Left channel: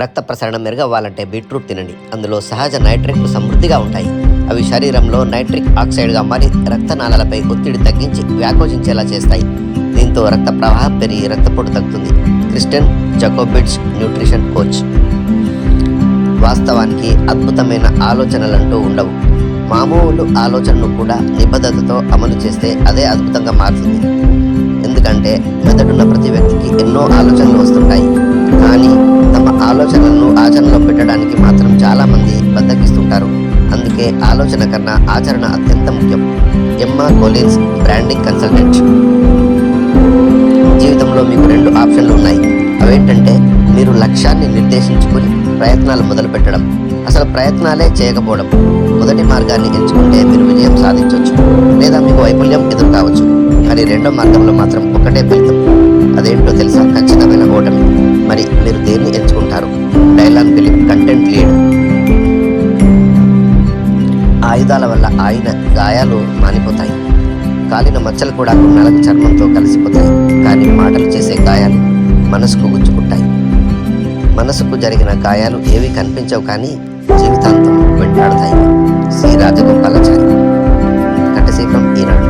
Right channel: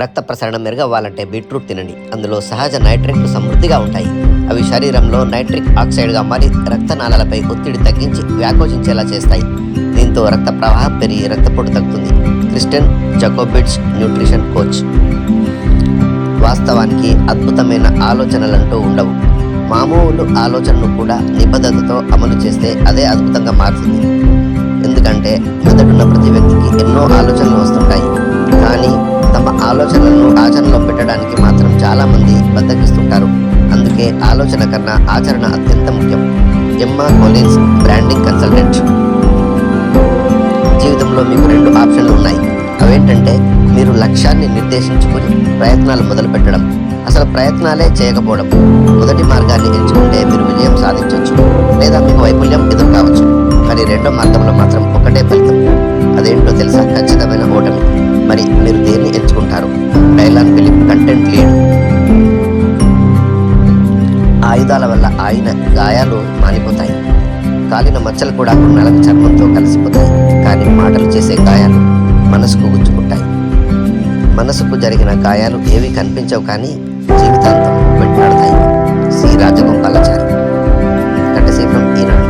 రక్త ప్రసరణ మెరుగవ్వాలంటే బీట్రూట్ తినండి. అందులో సహజ నైట్రేట్లు సమృద్ధిగా ఉంటాయి. అవి శరీరంలో నైట్రిక్ ఆక్సైడ్గా మారి రక్తనాళాలపై ఒత్తిడి తగ్గించి వ్యాకోచించేలా చేస్తాయి. దీంతో రక్త ప్రవాహం పెరిగి రక్తపోటు తగ్గుతుంది. క్రిస్టియన్ జకోబిడ్స్, న్యూట్రిషన్ కోచ్. వాస్తవానికి అద్భుతమైన ఆలోచనలంటూ ఉండవు. మామూలు ఆలోచనను కూడా నిబద్ధతతో అమలు చేస్తే అదే అద్భుతంగా మారుతుంది. ఎందుకంటే మెదడున్న ప్రతి వ్యక్తికి ఎన్నో ఆలోచనలు వస్తుంటాయి. కానీ తమ ఆలోచనలను ఆచరణలో పెట్టడానికి మాత్రం చాలామంది బద్దకిస్తుంటారు. అందుకే ఆలోచన కన్నా ఆచరణ అత్యంత ముఖ్యం. ఎమ్మా కొలిన్స్, బ్రాండింగ్ కన్సల్టెంట్. జీవితంలో మీకు 2 ఆప్షన్లు ఉన్నాయి. అవేంటంటే మీరు లక్ష్యాన్ని నిర్దేశించుకుని ప్రయత్నాలు మొదలు పెట్టడం, అసలు ప్రయత్నాలే చేయకపోవడం. మొదటి మార్గాన్ని ఎంచుకుంటే మీరు విజయం సాధించవచ్చు, లేదా మీకు వైఫల్యం ఎదురు కావచ్చు. కానీ రెండో మార్గంలో మాత్రం ఒకటే ఫలితం. అదేంటో తెలుసా? ఖచ్చితమైన ఓటమి. మరి మీరు దేన్ని ఎంచుకుంటారు? Dylan Philip, content lead. ఆయుధాల వల్ల ఆయన గాయాలు మానిపోతాయి. కాలిన మచ్చలు కూడా కొన్నాళ్ళకు చర్మంతో కలిసిపోతాయి. కానీ మాటలు చేసే గాయాలు మనసుకు గుచ్చుకుంటాయి. మనసుకు జరిగిన గాయాలు ఏవి కనిపించవు, కానీ జీవితాంతం వెంటాడుతాయి. సి. రాజగోపాలాచారి. కట్టసీపురం, ఈనాడు.